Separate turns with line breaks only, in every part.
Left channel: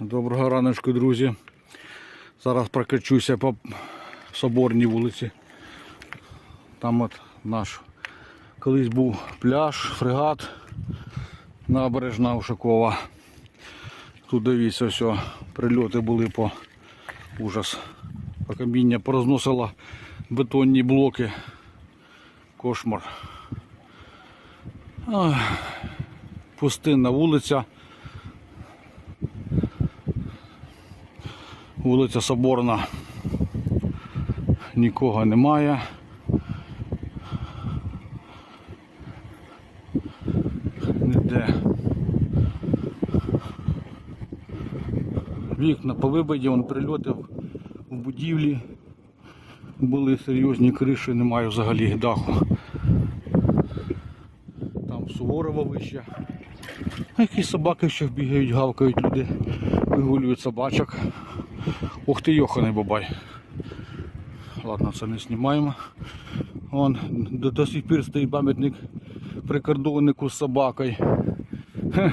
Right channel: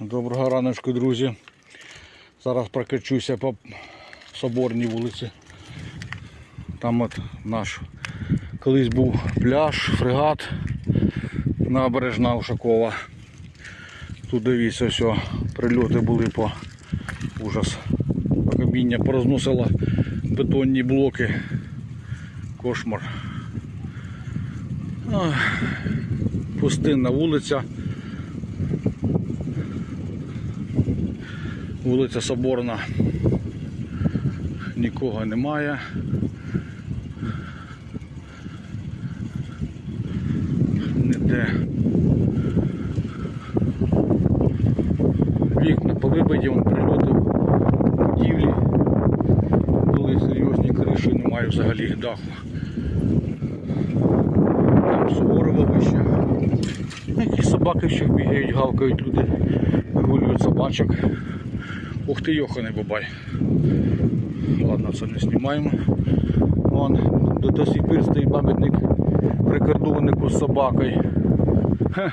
Доброго раночку, друзі. Зараз прокачуся по соборній вулиці. Там от наш колись був пляж, фрегат, набережна Ушакова. Тут дивіться, все, прильоти були по ужас. Каміння порозносило бетонні блоки. Кошмар. Пустинна вулиця. Вулиця Соборна, нікого немає. Ніде. Вікна по повибиті, він прильотив будівлі. Були серйозні криші, немає взагалі даху. Там суворова вище. Якісь собаки ще бігають, гавкають люди, вигулюють собачок. Ух ти, йоханий бабай. Ладно, це не знімаємо. Вон до, до сих пір стоїть пам'ятник прикордоннику з собакою. Хе.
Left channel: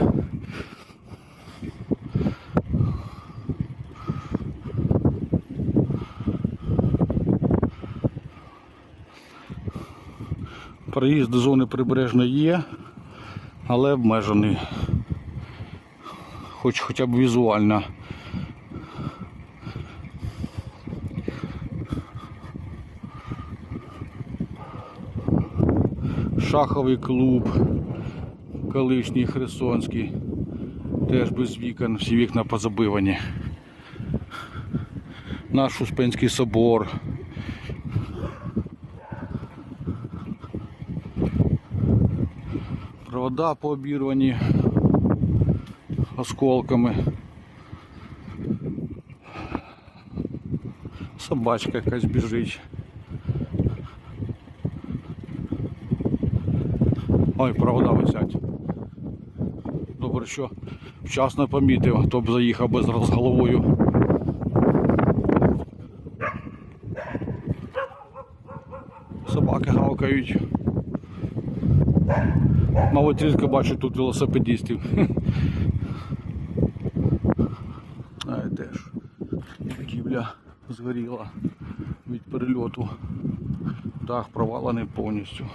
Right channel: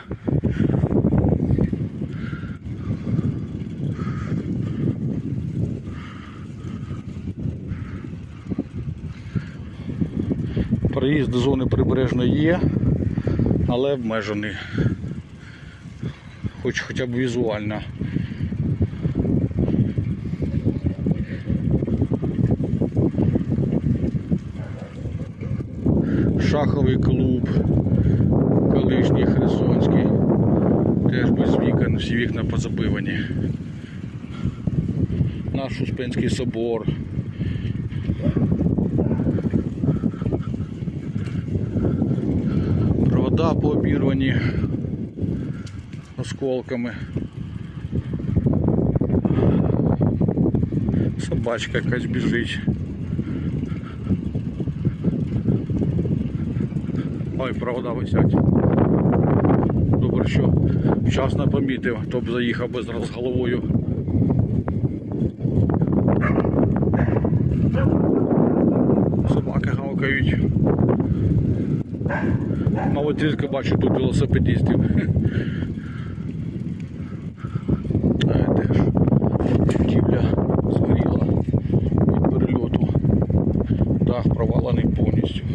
Проїзд до зони прибережної є, але обмежений, хоч хоча б візуально. шаховий клуб, колишній Херсонський. Теж без вікон, всі вікна позабивані. Наш Успенський собор. Провода пообірвані осколками. Собачка якась біжить. Ой, провода висять. Добре, що вчасно помітив, то б заїхав би зараз головою. Собаки гавкають. Малоцільська бачу тут велосипедістів А теж будівля згоріла від перельоту. Дах провалений повністю.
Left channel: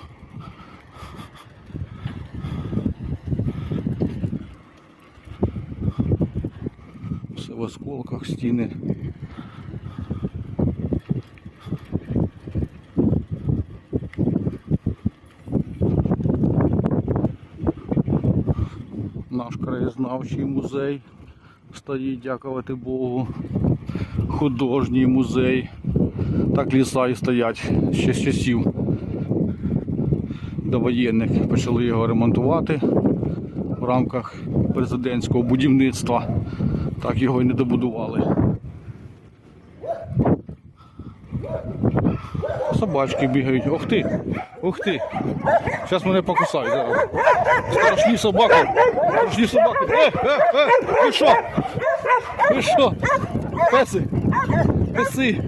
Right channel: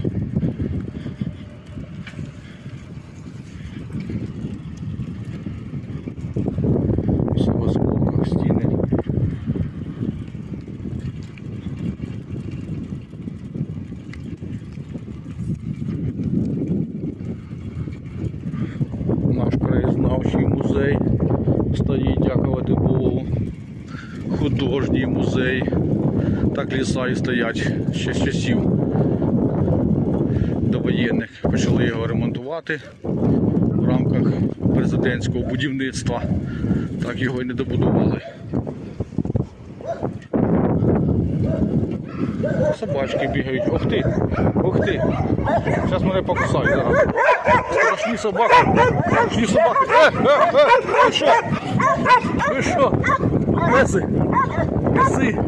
все в осколках стіни. Наш краєзнавчий музей стоїть, дякувати Богу, художній музей. Так ліса і стоять ще з часів довоєнних. Почали його ремонтувати в рамках президентського будівництва так його і не добудували. Собачки бігають. Ох ти, ох ти. Зараз мене покусають. зараз. Страшні собаки. Страшні собаки. Е, е, е, ти що? Ти що? Леси. Леси.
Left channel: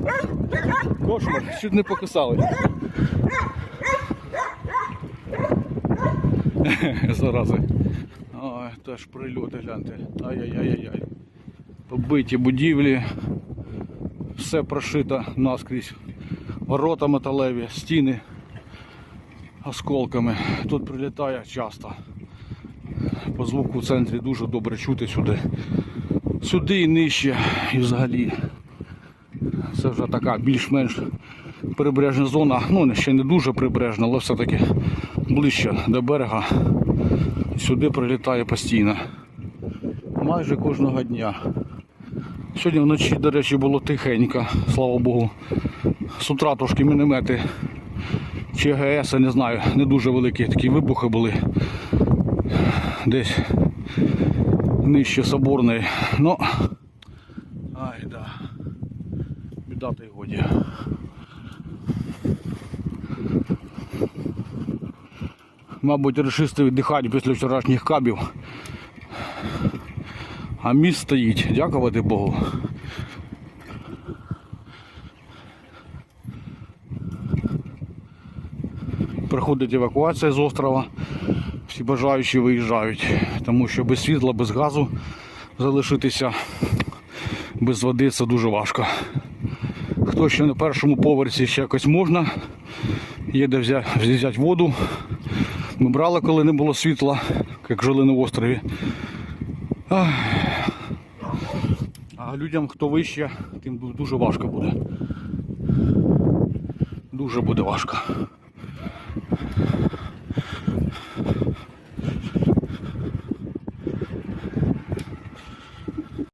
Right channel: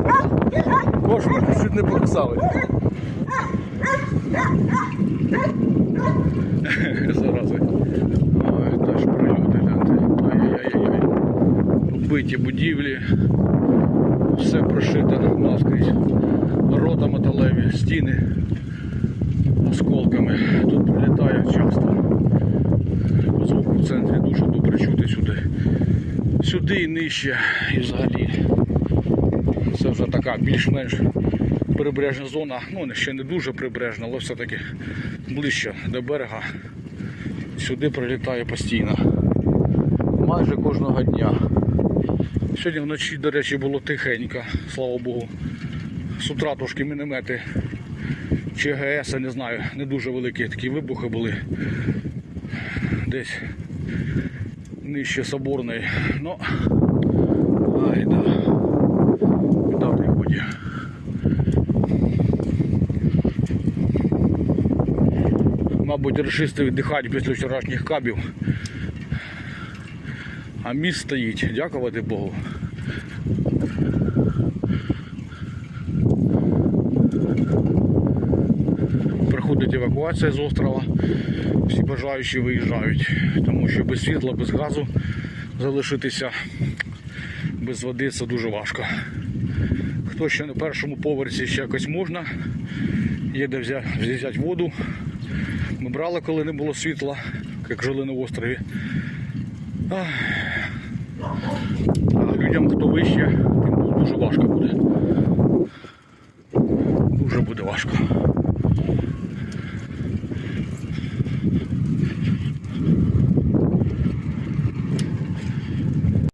Кошмар, чуть не покусали. Зарази. Ой, та ж прилюди, гляньте. Ай-яй-яй-яй. Биті будівлі, все прошито наскрізь. Ворота металеві, стіни осколками. Тут прилітає часто. По звуку в центрі дуже добре чути сюди. Сюди і нижче і взагалі. Це вже така більш-менш прибережна зона, ну ще не дуже прибережна, але все-таки ближче до берега. Сюди прилітає постійно. Майже кожного дня. Сьогодні вночі, до речі, було тихенько, слава Богу. З утра трошки міномети ЧГС, не знаю, не дуже великі такі вибухи були. Десь нижче соборної. Ну ай да. Біда Мабуть, решисти віддихають після вчорашніх кабів а міст стоїть. Дякувати Богу. Приходить евакуація з острова, всі бажаючі виїжджають, тому що без світла, без газу залишитися, без води це дуже важко. Хто ще на першому поверсі ще якось можна, є де взяти воду. Ми брали, коли не було світла, як жили на острові. Ах людям, хто вище, тим дуже важко буде. Дуже буде важко.